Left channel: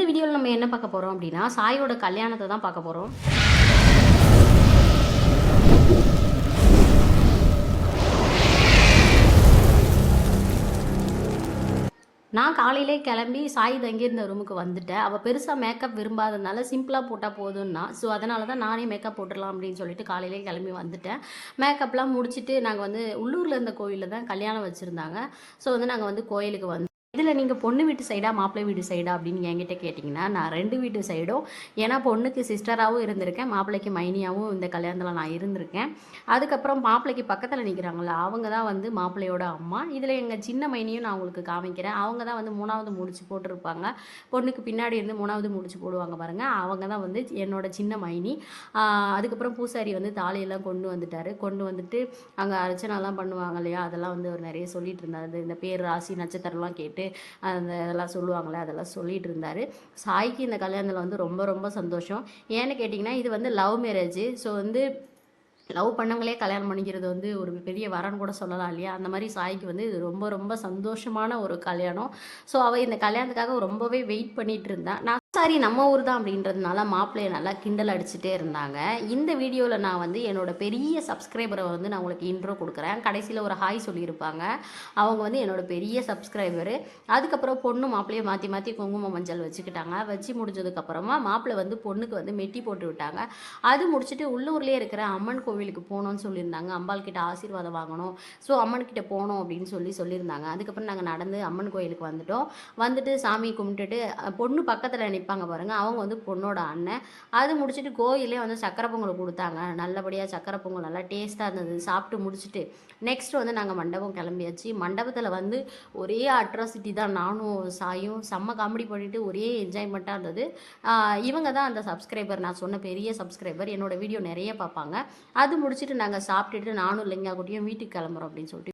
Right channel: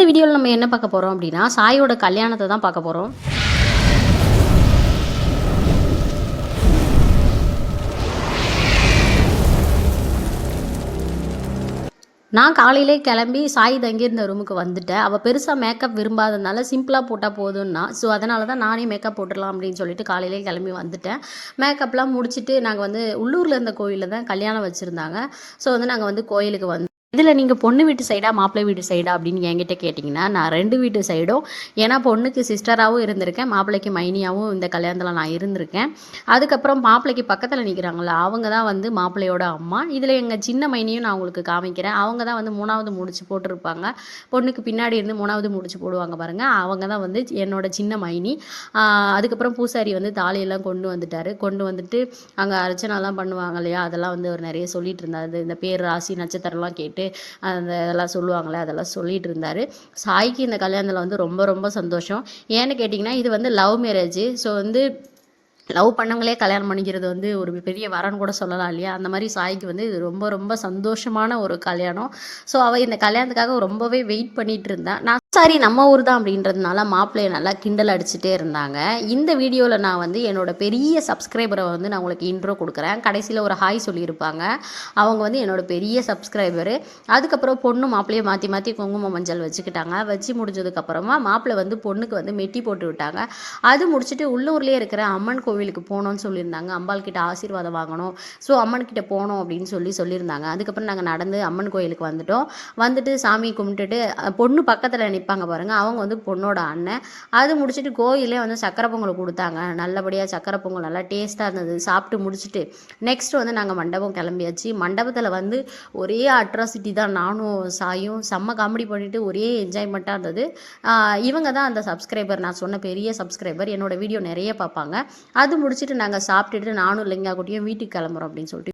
இந்த வீடியோவில் நம்ம என்ன பார்க்க போகிறோம் அப்படின்னா சாயோட கல்யாணத்தை தான் பார்க்க போகிறோம் நான் காலையிலே கிளம்பி சாய் தங்கியிருந்த ரூமுக்கு வந்துட்டேன். அவள் பெருசாக மேக்கப் விரும்பாததுனால சிம்பிளாக போட்டால் போதும்னா ஸோ அதனால தான் நானே மேக்கப் போட்டுடலாம் அப்படின்னு சொல்லிட்டு காலையிலே கிளம்பி வந்துட்டேன். மேக்கப்லாம் முடிச்சுட்டு நாங்கள் வந்து உள்ளூரில் இருந்த கோயிலில் தான் கல்யாணம் வச்சுருந்தாங்க. ஸோ வந்து நாங்கள் வந்து கோயிலுக்கு வந்து இதில் நீங்கள் பொண்ணு வீட்டு சைடா மாப்பிள்ளை வீட்டு சைடா அப்படின்னு என்கிட்ட கேட்டிங்கன்னா நான் ரெண்டு வீட்டு சைடும் ஏன்னா பொண்ணுக்கு சிஸ்டராகவும் இருந்திருக்கேன் மாப்பிள்ளைக்கு மைனியாகவும் இந்த கல்யாணத்தில் நான் இருந்திருக்கேன். அதுக்கப்புறம் மாப்பிள்ளைக்கு பக்கத்தில் நிற்கிறாங்களா அவங்க தான் வந்து மாப்பிள்ளையோட அம்மா. இதில் எங்கள் சின்ன மைனியும் நான் உங்களுக்கு காமிக்கிறேன். அவங்க தான் வந்து மூணாவது முடிச்சு போட்டிருப்பாங்க. பொண்ணுக்கு பின்னாடி இருந்து மூணாவது முடிச்சு போடுவாங்க பாருங்கள் அவங்க தான் வந்து என்னோட சின்ன மைனி. அதுக்கப்புறம் பூசாரி வந்து தாலியெல்லாம் கொண்டு வந்துட்டார். கொண்டு வந்துட்டு அங்கே அர்ச்சனாலாம் பண்ணுவாங்க இல்லையா? அதெல்லாம் வந்து அவர் நிறைய சொல்லிட்டு இருந்தார். இந்த பேர் ராசி நட்சத்திரம்லாம் கேட்டு அந்த இதெல்லாம் சொல்லுவாங்களே அதெல்லாம் சொல்லிட்டு இருந்தார். சாய்க்கு இந்த கல்யாணத்தில் வந்து ரொம்ப ரொம்ப சந்தோஷம். ஏன்னு கேட்டிங்கன்னா இது வந்து லவ் மேரேஜ் ஸோ வந்து லவ் பண்ணவங்களே கல்யாணம் பண்ணிக்கிறது வந்து ஒரு பெரிய வரன்னு கூட சொல்லலாம் இல்லையா? அந்த மாதிரி சாய்க்கு வந்து இது ரொம்ப ரொம்ப சந்தோஷமான ஒரு கல்யாணம். ஸோ அவள் இந்த கல்யாணத்துக்காக ரொம்பவே வெயிட் பண்ணிகிட்டு இருந்தான் நான் சாரி நம்ம ஊர் தான் அப்படின்றதுனால மாப்பிள்ளையை நல்லா கிண்டல் அடிச்சுட்டே இருந்தாங்க. இந்த வீடியோவில் நான் வந்து என்னோட பெரிய சப்ஸ்கிரைபரை வந்து நான் உங்களுக்கு இன்ட்ரோ கொடுக்குறேன். கடைசியில் ஒரு ஹாய் சொல்லியிருப்பாங்க. அவங்க வந்து என்னோட பெரிய சப்ஸ்கிரைபரு அதுக்கப்புறம் பொண்ணு மாப்பிள்ளையை மாற்றி மாற்றி குங்குமம் மஞ்சள் வச்சுக்கிட்டாங்க. வச்சு முடிஞ்சதுக்கப்புறமா மாப்பிள்ளை வந்து பொண்ணுக்கு வந்து மெட்டி போட்டு விட்டாங்க. அது முடிச்சுட்டு உள்ளூர்லேயே இருக்கிற அம்மன் கோவிலுக்கு போகணும்னு சொல்லியிருந்தாங்க. அம்பாள் கிட்ட ஆசீர்வாதம் வாங்கணும். ஸோ அம்மன் கிட்ட போகணும் அப்படின்னு சொல்லி சொல்லியிருந்தாங்க. அதுக்கப்புறம் நாங்கள் நடந்து அம்மன் கோயிலுக்கு வந்துட்டோம். வந்துட்டு சாமி கும்பிட்டுட்டு பொண்ணு பக்கத்தில் நிற்பாங்க பாருங்க. அவங்க வந்து பொண்ணோட அண்ணன். அது முடிச்சுட்டு கோயிலே வந்து சக்கரை பொங்கல் கொடுத்தாங்க. நல்லபடியாக சக்கரை பொங்கல் நல்லா டேஸ்ட்டாக இருந்தது. சாப்பிட்டு முடிச்சுட்டு நெக்ஸ்ட் வந்து நாங்கள் மண்டபம் கிளம்பியாச்சு. மண்டபத்தில் வந்து ஒரே அட்ராசிட்டி தான். நானும் சாயும் செம்ம காமெடி பண்ணிட்டு ஒரே என்ஜாய்மெண்ட்டாக இருந்தது. இவங்க தான் அந்த சப்ஸ்கிரைபர் நான் சொன்ன பெரிய சப்ஸ்கிரைபர் என்னோட வீடியோ நிறைய பார்ப்பாங்க. அது முடிச்சுட்டு நாங்கள் சாப்பிட்டுட்டு நானும் லிங்கா கூட்டியும் வீட்டுக்கு கிளம்புறோம் அப்படின்னு சொல்லிட்டு